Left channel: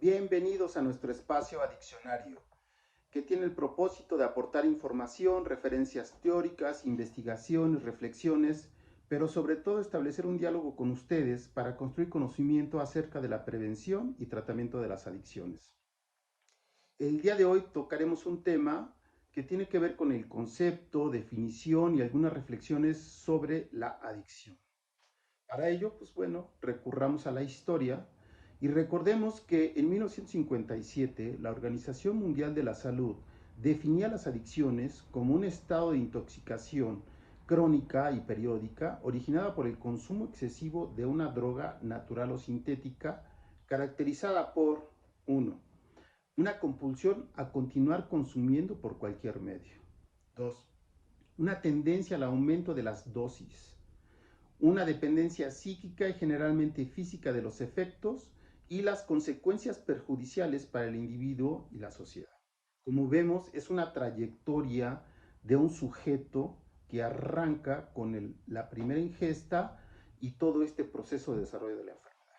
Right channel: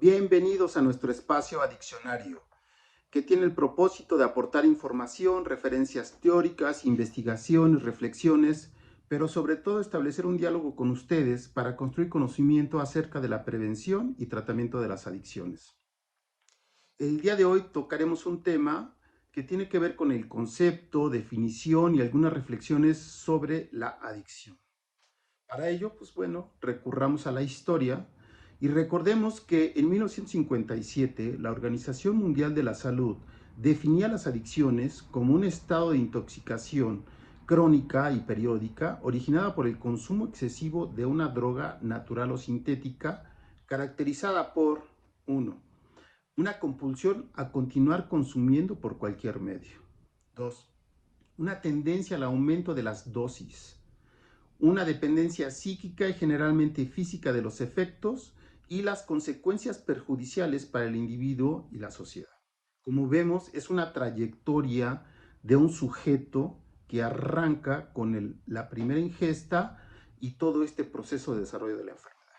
Bienvenidos a nuestro espacio adiccionario, que tiene el propósito de aportar información, referencias teóricas, investigaciones, reflexiones, pero sobre todo establecer un diálogo con ustedes para construir conocimiento acerca de la prevención y tratamiento de las adicciones. El día de hoy tocaremos un tema que tiene que ver con el concepto, definición y algunas reflexiones sobre la adicción. Para ello, pues bueno, recurramos a la historia y recordemos que en 1957 la Organización Mundial de la Salud definía las adicciones como un estado de intoxicación crónica y periódica originada por el consumo excesivo de una droga natural o sintética caracterizada por uno, una compulsión a continuar consumiendo por cualquier medio. 2, una tendencia al aumento de las dosis, una dependencia psíquica y generalmente física de los efectos y las consecuencias perjudiciales para el individuo y la sociedad. Como vemos, es una trayectoria de un sujeto que arranca con la primera ingesta y todo este proceso de desarrollo de la enfermedad.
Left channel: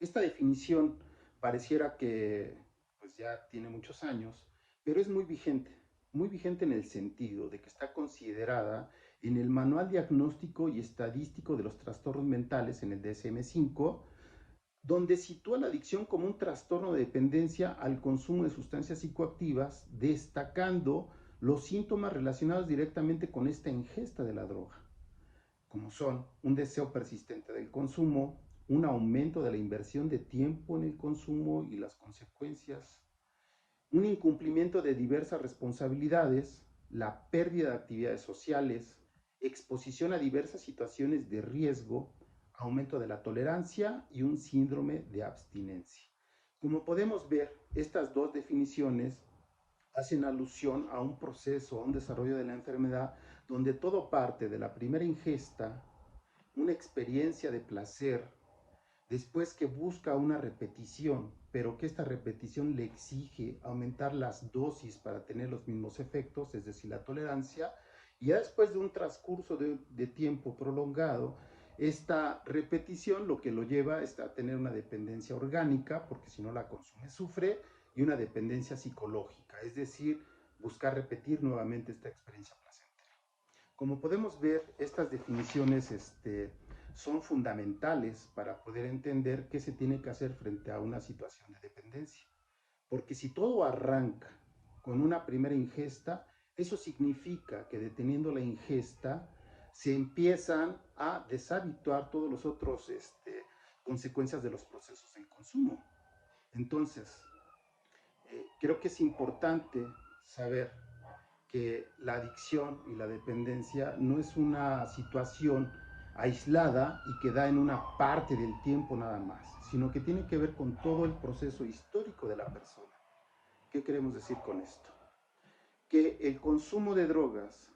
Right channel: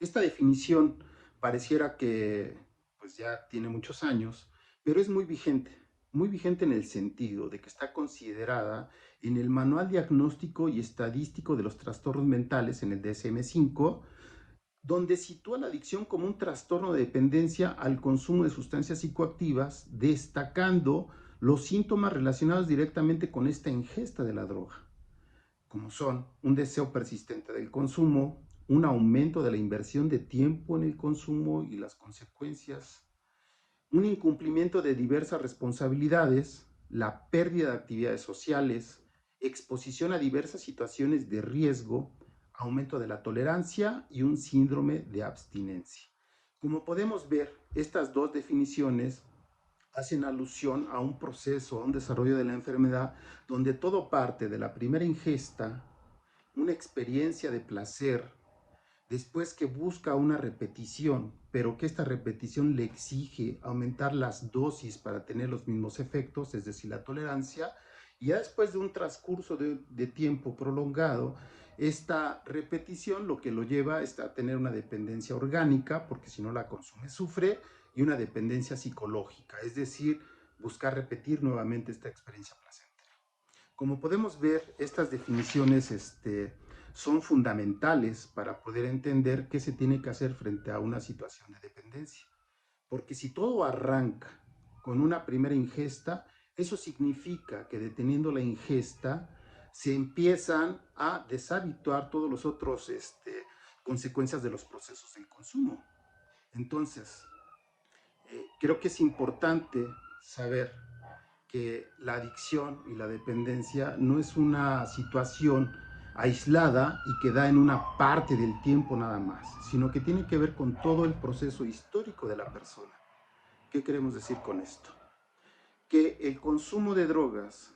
Esta definición pareciera que pues ya tiene muchos años, pero es muy vigente en el sentido de que está considerada en el Manual Diagnóstico y Estadístico de los Trastornos Mentales, en el DSM-5, donde sitúa la adicción como un trastorno de dependencia al consumo de sustancias psicoactivas, destacando los síntomas relacionados directamente con esta ingesta de la droga, como son un deseo persistente del consumo, un aumento de la inversión de tiempo en el consumo y las consecuencias, un incumplimiento de diversas responsabilidades, la pérdida de actividades sociales, exposición a diversas situaciones de riesgo, aumento de la tolerancia y un síndrome de abstinencia. Como podemos ver, estas dos definiciones hacen alusión a un proceso, a un desarrollo de la enfermedad, donde todo parte de la primera ingesta, una experiencia de placer, después que busca una repetición, pero que esta repetición le exige aumentar las dosis para tener los mismos efectos, es decir, la tolerancia, y ya después de un transcurso de tiempo prolongado, esta repetición lo que lo lleva es a tener una dependencia orgánica, porque si no la consume sufre, y una dependencia psicológica, es decir, buscar repetir nuevamente esta experiencia placentera. Como podemos ver, estas definiciones son fundamentales para poder entender qué se tiene que hacer frente a una situación de dependencia. Porque si todo arranca con una primera ingesta, eso significa que deteniendo la ingesta se empiezan a deshabituar todos los otros consecuencias de los procesos del consumo. Entonces, creo que es importante saber que la adicción y la dependencia no es una situación aislada y que da en una parte del tiempo nada más, sino que tiene que ver con todo el proceso histórico de la persona. ¿Qué queremos decir con esto? Que el consumo de drogas,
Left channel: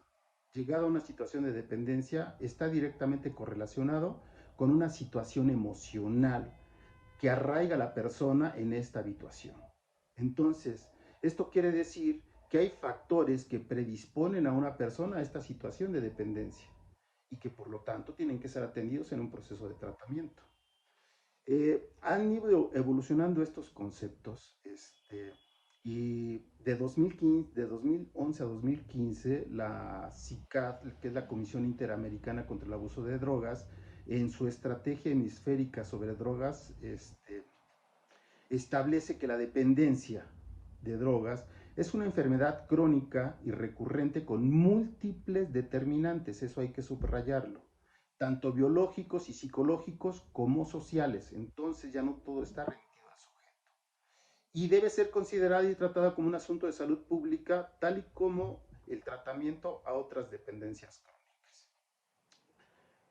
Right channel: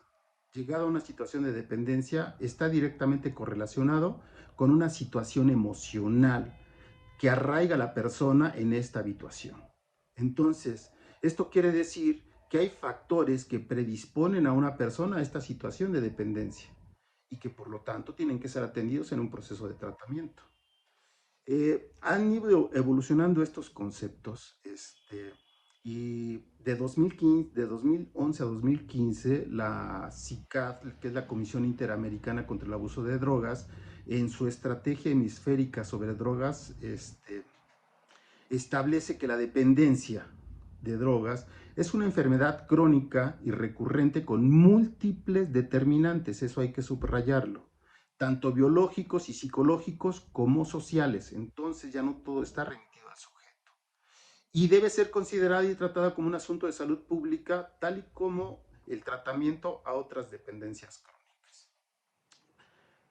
llegado a una situación de dependencia, está directamente correlacionado con una situación emocional que arraiga a la persona en esta habituación. Entonces, esto quiere decir que hay factores que predisponen a una persona a esta situación de dependencia y que por lo tanto tienen que ser atendidos en un proceso de tratamiento. Han ido evolucionando estos conceptos y de 2011 a 2015 la CICAD, que es la Comisión Interamericana contra el Abuso de Drogas, en su estrategia hemisférica sobre drogas, establece que la dependencia de drogas es una enfermedad crónica y recurrente con múltiples determinantes, eso hay que subrayarlo, tanto biológicos y psicológicos como sociales. Entonces ya no todo está remitido al sujeto. Y debe ser considerada y tratada como un asunto de salud pública, tal y como el tratamiento a otras dependencias crónicas.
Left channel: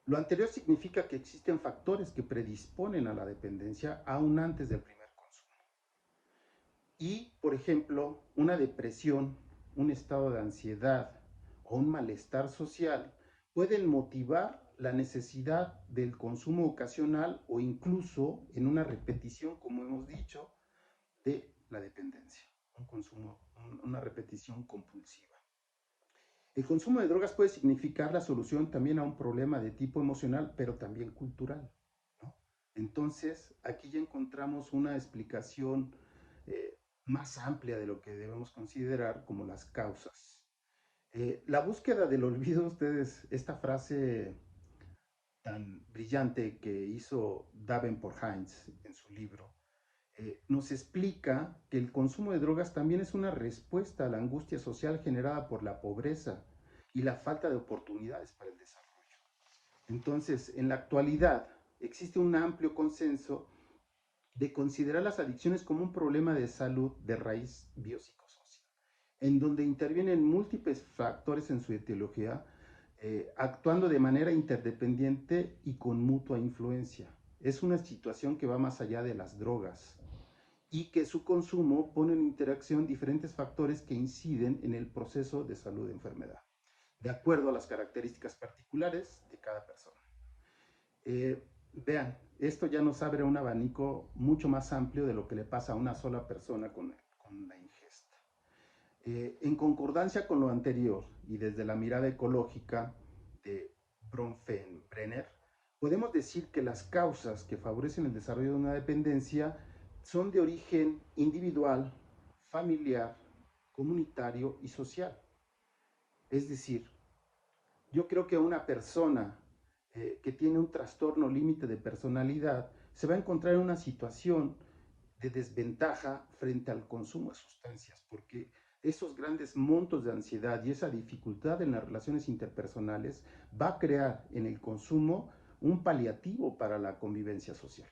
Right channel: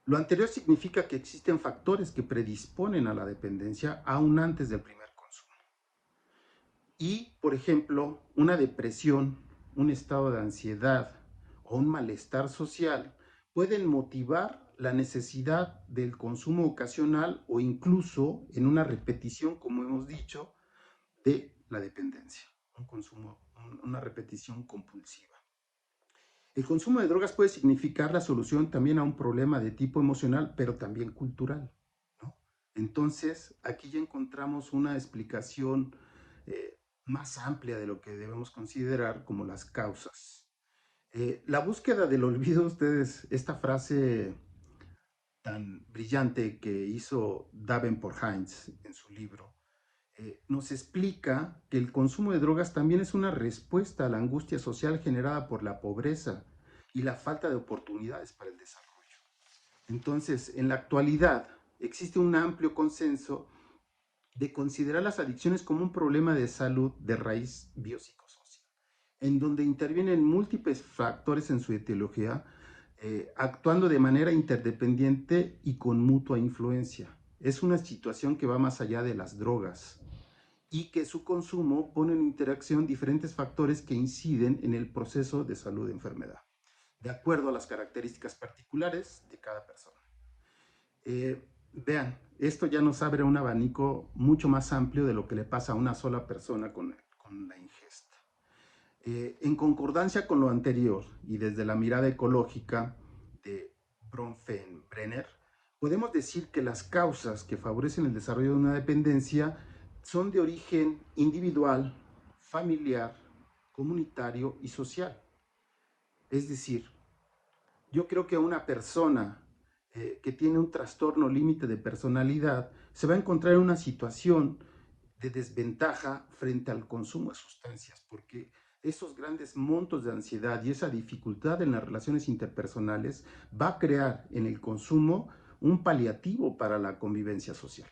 Lo anterior significa que existen factores que predisponen a la dependencia aún antes del primer consumo. Y, por ejemplo, una depresión, un estado de ansiedad o un malestar social pueden motivar la necesidad del consumo ocasional o incluso en una repetición, como hemos dicho, de la dependencia, un consumo, una repetición compulsiva. El consumo de drogas puede significar la solución también a un problema de tipo emocional, pero también cultural, ¿no? Entonces, aquí ya encontramos una explicación más amplia de lo que debemos considerar como las causas. La búsqueda del olvido, ustedes, esta frase tan brillante que hizo Davenport Hines en su libro, nos explica que el consumo de drogas también es una respuesta a la angustia social generada por la pobreza y la falta de oportunidades para el desarrollo. Entonces, en la actualidad existe un amplio consenso de considerar las adicciones como un problema de salud de raíz biopsicosocial, en donde intervienen múltiples factores en su etiología, actuando de manera interdependiente y con mutua influencia. Es una situación que va más allá de las drogas y que su consumo pone en interacción diferentes factores que inciden en el proceso de salud de enfermedad, de acuerdo a las características particulares de cada persona. Vean, esto ya nos abre un abanico mucho más amplio de lo que le pasa a una sola persona con la ingesta. En concordancia con lo anterior y desde la mirada ecológica de Bronfenbrenner, podemos decir que las causas que favorecen el desarrollo de una dependencia son de origen individual, familiar, comunitario y social. Es decir, yo creo que una persona que tiene un trastorno límite de personalidad se va a encontrar en una situación de desventaja frente al consumo de sustancias, porque esos grandes montos de ansiedad y esa dificultad en las relaciones interpersonales va a crear en el consumo un paliativo para la convivencia social.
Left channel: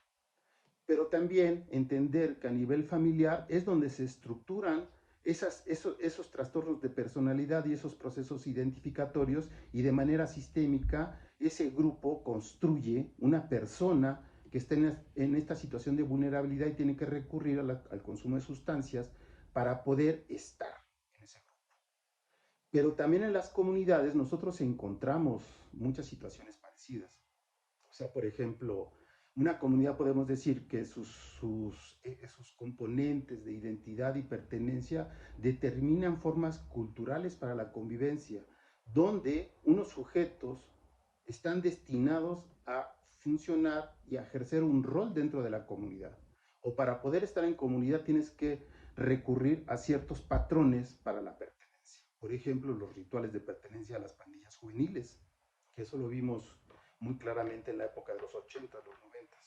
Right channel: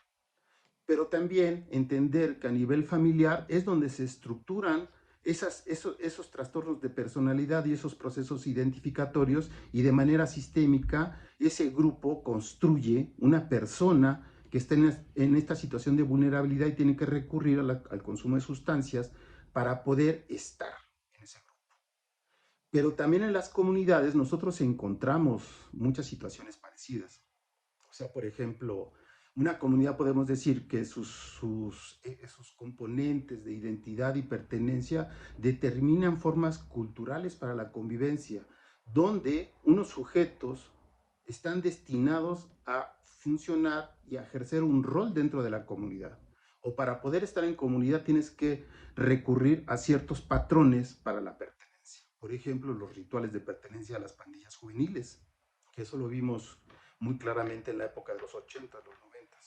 Pero también entender que a nivel familiar es donde se estructuran esos trastornos de personalidad y esos procesos identificatorios, y de manera sistémica ese grupo construye una persona que está en esta situación de vulnerabilidad y tiene que recurrir al consumo de sustancias para poder estar en ese grupo. Pero también en las comunidades nosotros encontramos muchas situaciones parecidas. O sea, por ejemplo, una comunidad podemos decir que sus componentes de identidad y pertenencia determinan formas culturales para la convivencia, donde unos sujetos están destinados a funcionar y a ejercer un rol dentro de la comunidad. O para poder estar en comunidad tienes que recurrir a ciertos patrones para la pertenencia. Por ejemplo, los rituales de pertenencia a las pandillas juveniles, que eso lo vimos muy claramente en la época de los 80, los 90.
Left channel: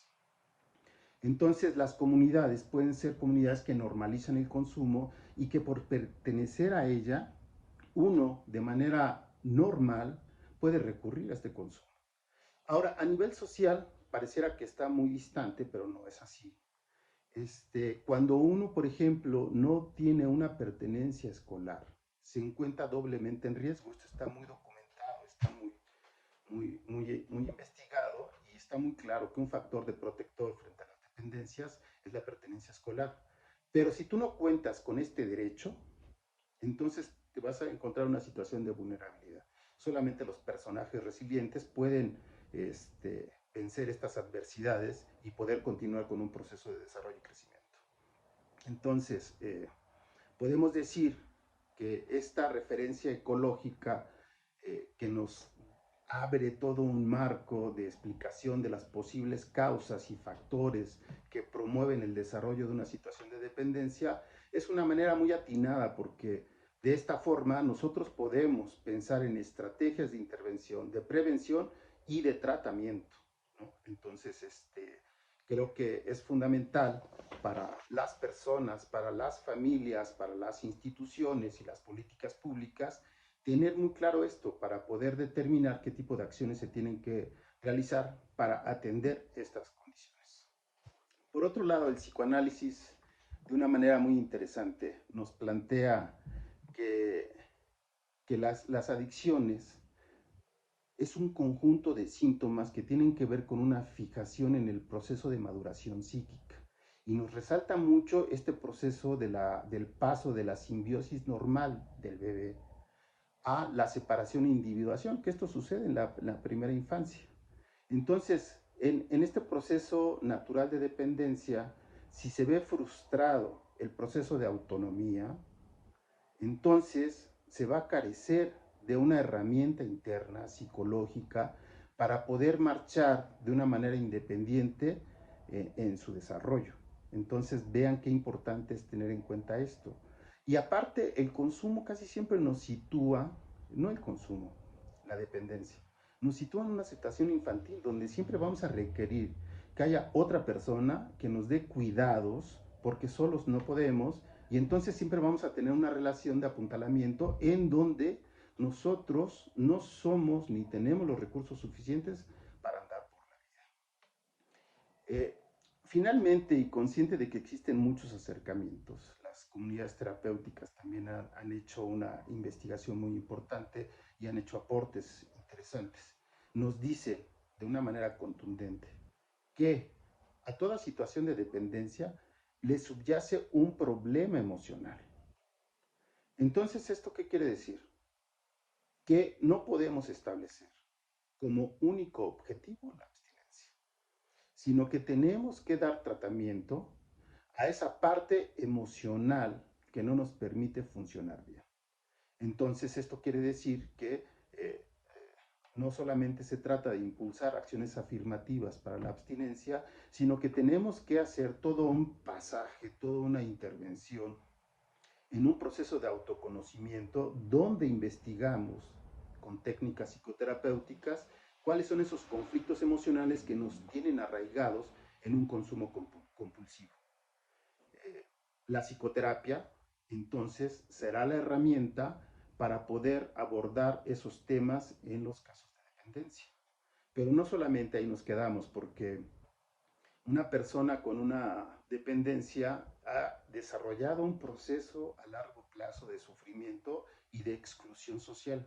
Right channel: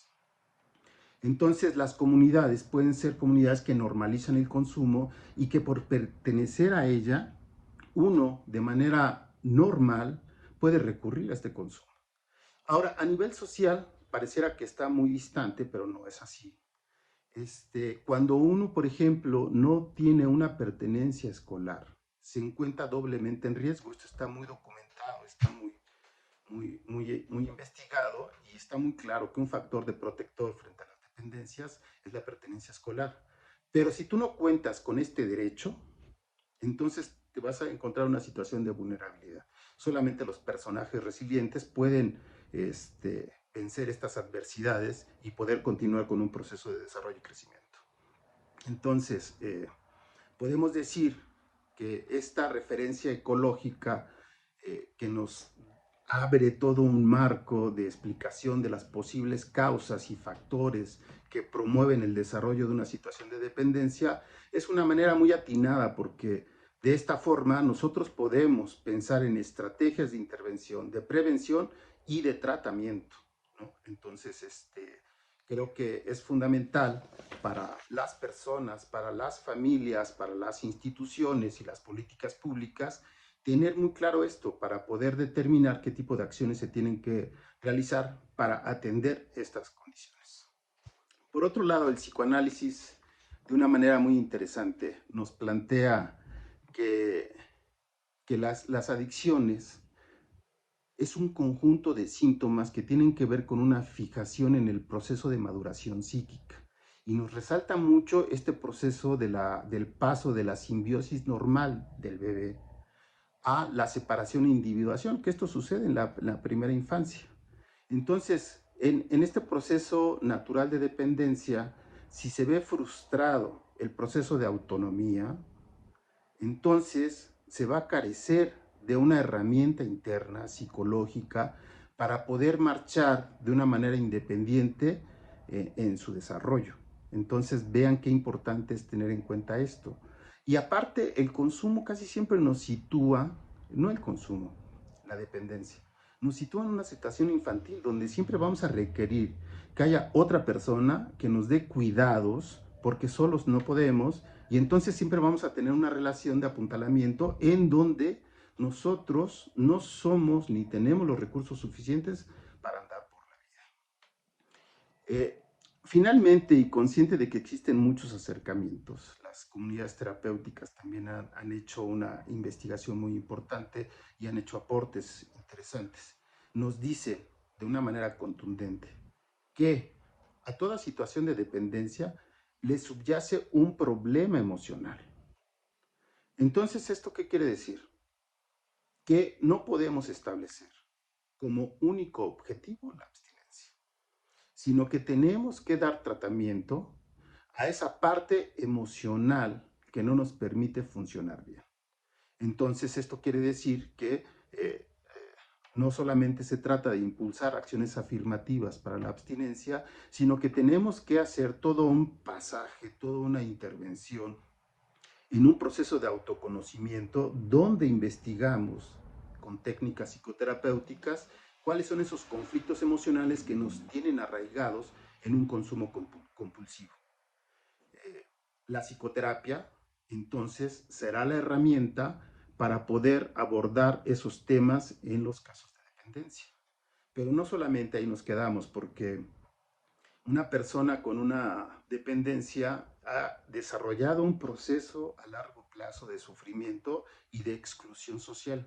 Entonces, las comunidades pueden ser comunidades que normalizan el consumo y que por pertenecer a ella, uno de manera normal puede recurrir a este consumo. Ahora, a nivel social, pareciera que está muy distante, pero no es así. Cuando uno, por ejemplo, no tiene una pertenencia escolar, se encuentra doblemente en riesgo. Esto está muy documentado, está muy investigado, y está muy claro que un factor de protector frente a las dependencias es la pertenencia escolar. Pero si tú no cuentas con este derecho, entonces te vas a encontrar una situación de vulnerabilidad. Solamente los personajes resilientes pueden vencer estas adversidades y poder continuar con un proceso de desarrollo y crecimiento. Entonces, podemos decir que esta referencia ecológica que nos abre todo un marco de explicación de las posibles causas y factores que promueven el desarrollo de una situación de dependencia, es una manera muy atinada, porque de esta forma nosotros podemos pensar en estrategias de intervención, de prevención y de tratamiento, ¿no? Entonces, creo que es fundamental para las personas, para las familias, para las instituciones y las políticas públicas tener muy claro esto para poder determinar qué tipo de acciones se tienen que realizar para atender estas condiciones. Por otro lado, el psicoanálisis, de una manera muy interesante, nos plantea que, las adicciones es un conjunto de síntomas que tienen que ver con una fijación en el proceso de maduración psíquica. Y nos resalta mucho este proceso del paso de la simbiosis normal del bebé a la separación e individuación, que esto sucede en la primera infancia. Entonces, en este proceso natural de dependencia, si se ve frustrado el proceso de autonomía, entonces se va a carecer de una herramienta interna psicológica para poder marchar de una manera independiente en su desarrollo. Entonces vean qué importante es tener en cuenta esto. Y aparte, el consumo casi siempre nos sitúa, no el consumo, la dependencia, nos sitúa en una situación infantil donde siempre vamos a requerir que haya otra persona que nos dé cuidados porque solos no podemos, y entonces siempre vamos a tener una relación de apuntalamiento en donde nosotros no somos ni tenemos los recursos suficientes para andar por la vida. Finalmente, y consciente de que existen muchos acercamientos, las comunidades terapéuticas también han hecho una investigación muy importante y han hecho aportes interesantes. Nos dice de una manera contundente que a toda situación de dependencia le subyace un problema emocional. Entonces, ¿esto qué quiere decir? Que no podemos establecer como único objetivo la abstinencia, sino que tenemos que dar tratamiento a esa parte emocional que no nos permite funcionar bien. Entonces, esto quiere decir que no solamente se trata de impulsar acciones afirmativas para la abstinencia, sino que tenemos que hacer todo un pasaje, toda una intervención en un proceso de autoconocimiento donde investigamos con técnicas psicoterapéuticas cuáles son esos conflictos emocionales que nos tienen arraigados en un consumo compulsivo. La psicoterapia, entonces, será la herramienta para poder abordar esos temas en los casos de dependencia. Pero no solamente ahí nos quedamos, porque una persona con una dependencia ha desarrollado un proceso a largo plazo de sufrimiento y de exclusión social.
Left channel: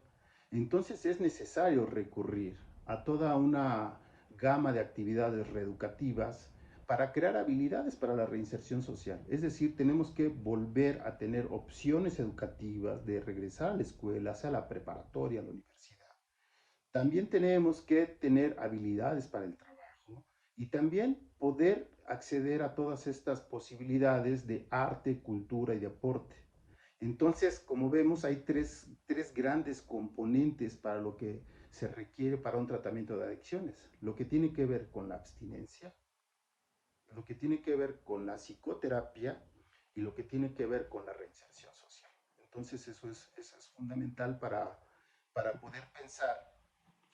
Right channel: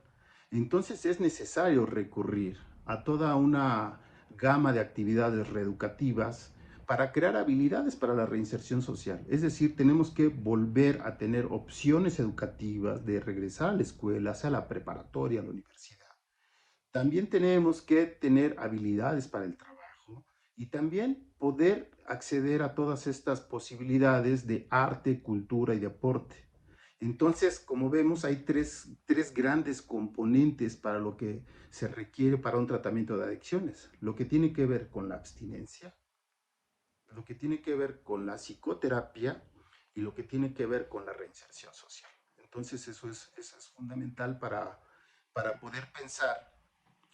Entonces es necesario recurrir a toda una gama de actividades reeducativas para crear habilidades para la reinserción social. Es decir, tenemos que volver a tener opciones educativas de regresar a la escuela, sea la preparatoria, a la universidad. También tenemos que tener habilidades para el trabajo y también poder acceder a todas estas posibilidades de arte, cultura y deporte. Entonces, como vemos, hay tres grandes componentes para lo que se requiere para un tratamiento de adicciones. Lo que tiene que ver con la abstinencia, lo que tiene que ver con la psicoterapia y lo que tiene que ver con la reinserción social. Entonces, eso es fundamental para poder pensar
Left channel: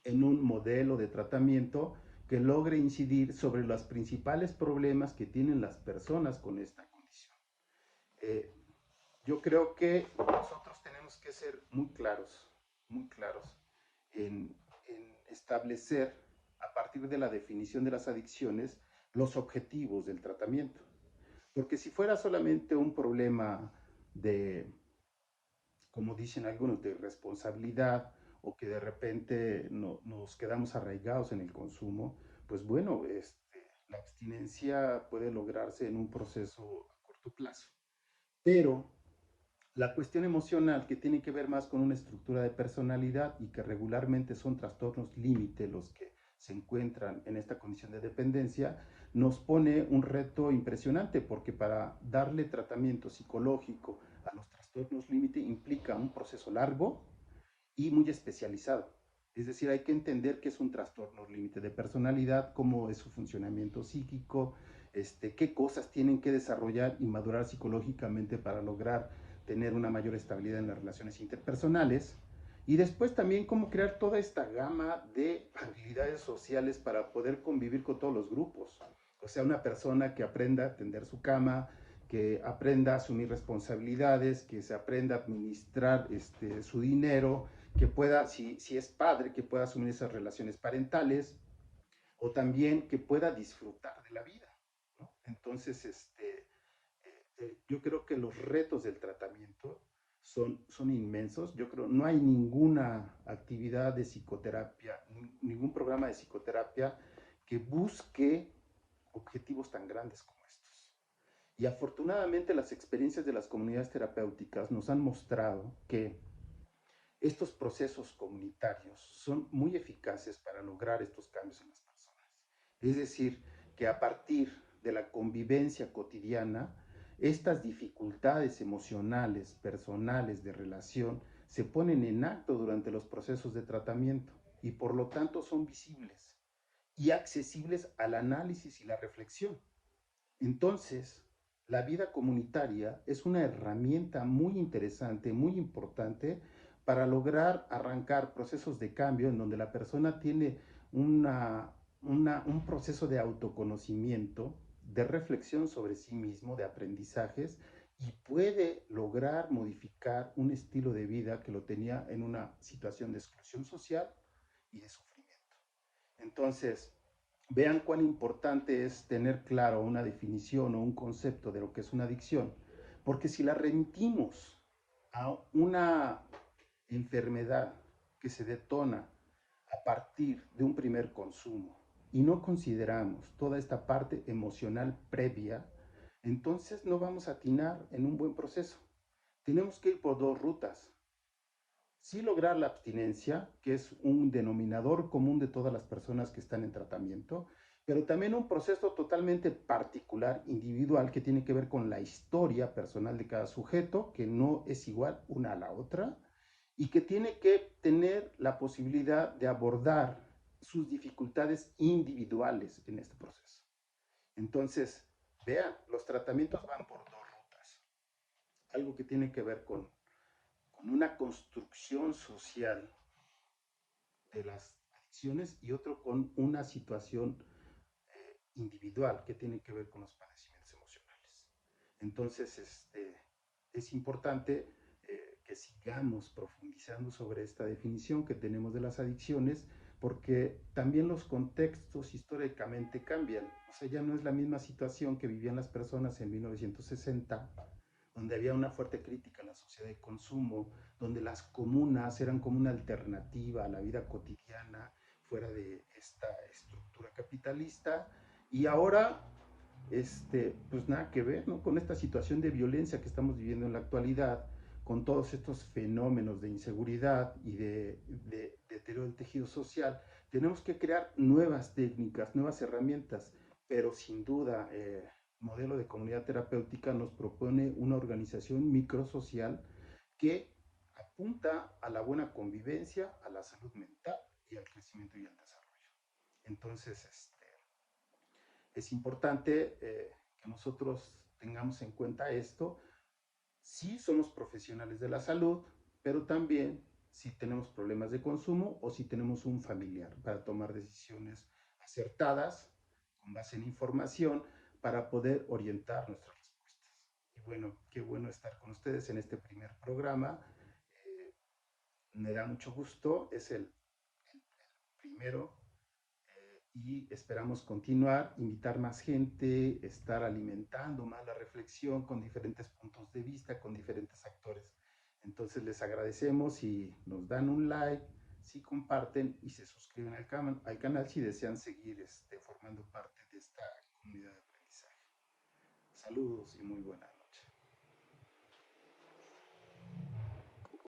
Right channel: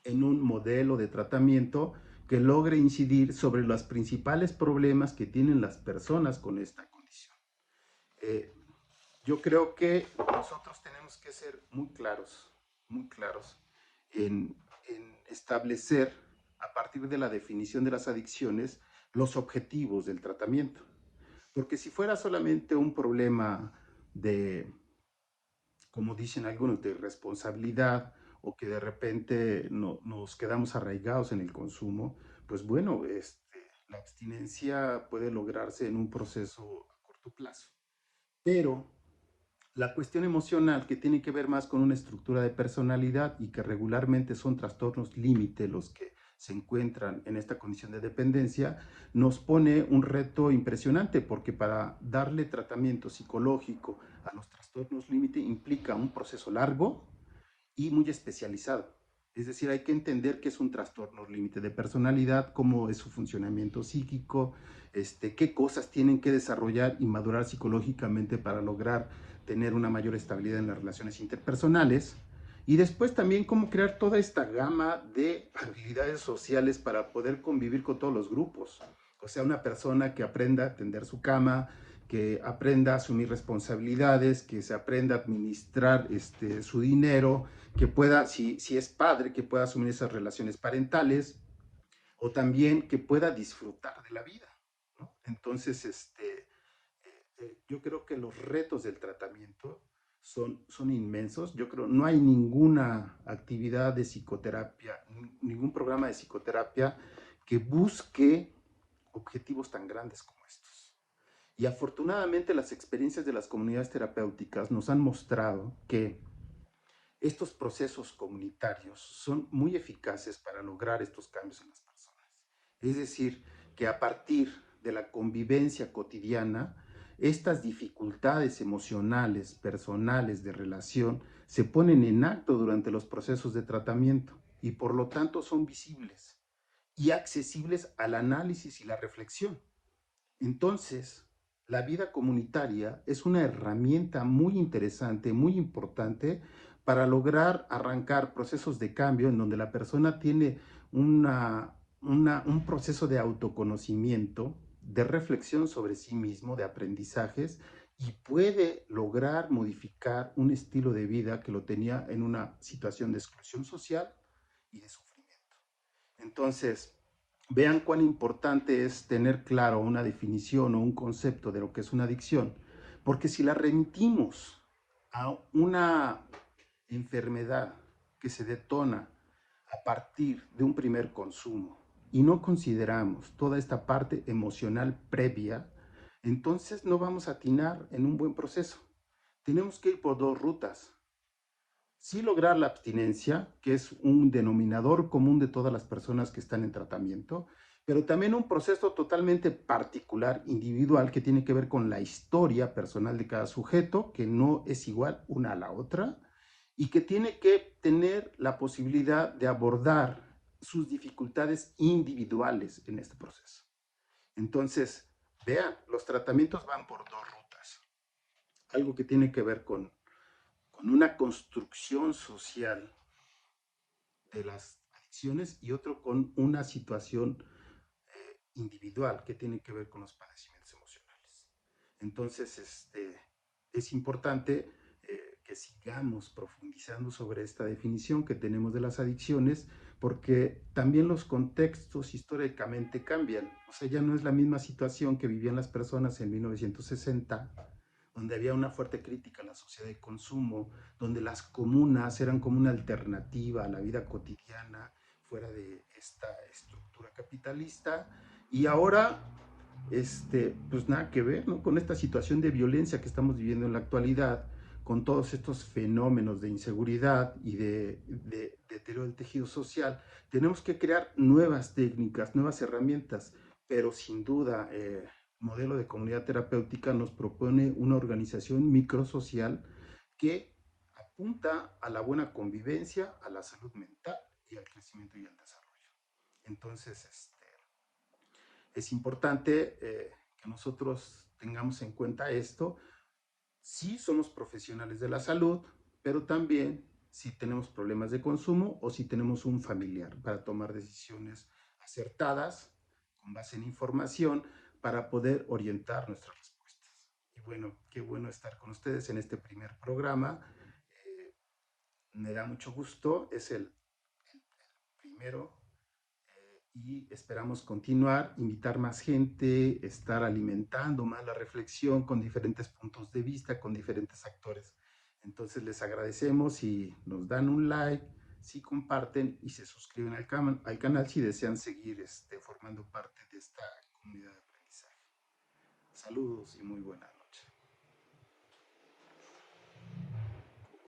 en un modelo de tratamiento que logre incidir sobre los principales problemas que tienen las personas con esta condición. Eh, yo creo que nosotros tenemos que ser muy claros en establecer a partir de la definición de las adicciones los objetivos del tratamiento. Porque si fuera solamente un problema de, como dicen algunos, de responsabilidad o que de repente nos quedamos arraigados en el consumo, pues bueno, la abstinencia puede lograrse en un proceso a corto plazo. Pero la cuestión emocional, que tiene que ver más con una estructura de personalidad y que regularmente son trastornos límite los que se encuentran en esta condición de dependencia, nos pone un reto impresionante porque para darle tratamiento psicológico a los trastornos límite implica un proceso largo y muy especializado. Es decir, hay que entender qué es un trastorno límite de personalidad, cómo es su funcionamiento psíquico, qué cosas tienen que desarrollar y madurar psicológicamente para lograr tener una mayor estabilidad en las relaciones interpersonales. Y después también cómo crear toda esta gama de habilidades sociales para poder convivir con todos los grupos. O sea, una persona que aprenda a tender su cama, que aprenda a asumir responsabilidades, que se aprenda a administrar su dinero, que pueda, si es padre, que pueda asumir esas relaciones parentales, o también que pueda disfrutar de la vida, ¿no? Entonces, yo creo que los retos del tratamiento son inmensos. Yo creo no hay ninguna actividad de psicoterapia, ningún programa de psicoterapia que busque objetivos tan grandes como estos. Y afortunadamente las experiencias de las comunidades terapéuticas nos han mostrado que estos procesos comunitarios son muy eficaces para lograr estos cambios en las personas. Es decir, que a partir de la convivencia cotidiana, estas dificultades emocionales, personales, de relación, se ponen en acto durante los procesos de tratamiento y por lo tanto son visibles. y accesibles al análisis y la reflexión. Entonces, la vida comunitaria es una herramienta muy interesante, muy importante para lograr arrancar procesos de cambio en donde la persona tiene un proceso de autoconocimiento, de reflexión sobre sí mismo, de aprendizajes, y puede lograr modificar un estilo de vida que lo tenía en una situación de exclusión social y de sufrimiento. Entonces, vean cuán importante es tener claro una definición o un concepto de lo que es una adicción, porque si la remitimos a una enfermedad que se detona a partir de un primer consumo y no consideramos toda esta parte emocional previa, entonces no vamos a atinar en un buen proceso. Tenemos que ir por dos rutas. Sí lograr la abstinencia, que es un denominador común de todas las personas que están en tratamiento, pero también un proceso totalmente particular, individual, que tiene que ver con la historia personal de cada sujeto, que no es igual una a la otra, y que tiene que tener la posibilidad de abordar sus dificultades individuales en este proceso. Entonces, vean, los tratamientos van por dos rutas. Algo que tiene que ver con una construcción social de las adicciones y otro con una situación individual que tiene que ver con los padecimientos emocionales. Entonces, es importante que sigamos profundizando sobre esta definición que tenemos de las adicciones, porque también los contextos históricamente cambian. O sea, ya no es la misma situación que vivían las personas en 1960, donde había una fuerte crítica a la sociedad de consumo, donde las comunas eran como una alternativa a la vida cotidiana fuera de esta estructura capitalista. Y ahora, pues nada que ver, ¿no? Con esta situación de violencia que estamos viviendo en la actualidad, con todos estos fenómenos de inseguridad y de deterioro del tejido social, tenemos que crear nuevas técnicas, nuevas herramientas, pero sin duda modelo de comunidad terapéutica nos propone una organización microsocial que apunta a la buena convivencia, a la salud mental y al crecimiento y al desarrollo. Entonces, es importante que nosotros tengamos en cuenta esto. Sí somos profesionales de la salud, pero también si tenemos problemas de consumo o si tenemos un familiar para tomar decisiones acertadas con base en información para poder orientar nuestras respuestas. Y bueno, qué bueno estar con ustedes en este primer programa. Eh, Me da mucho gusto, es el primero y esperamos continuar, invitar más gente, estar alimentando más la reflexión con diferentes puntos de vista, con diferentes actores. Entonces les agradecemos si nos dan un like, si comparten y se suscriben al canal si desean seguir formando parte de esta comunidad de aprendizaje. Saludos y muy buenas.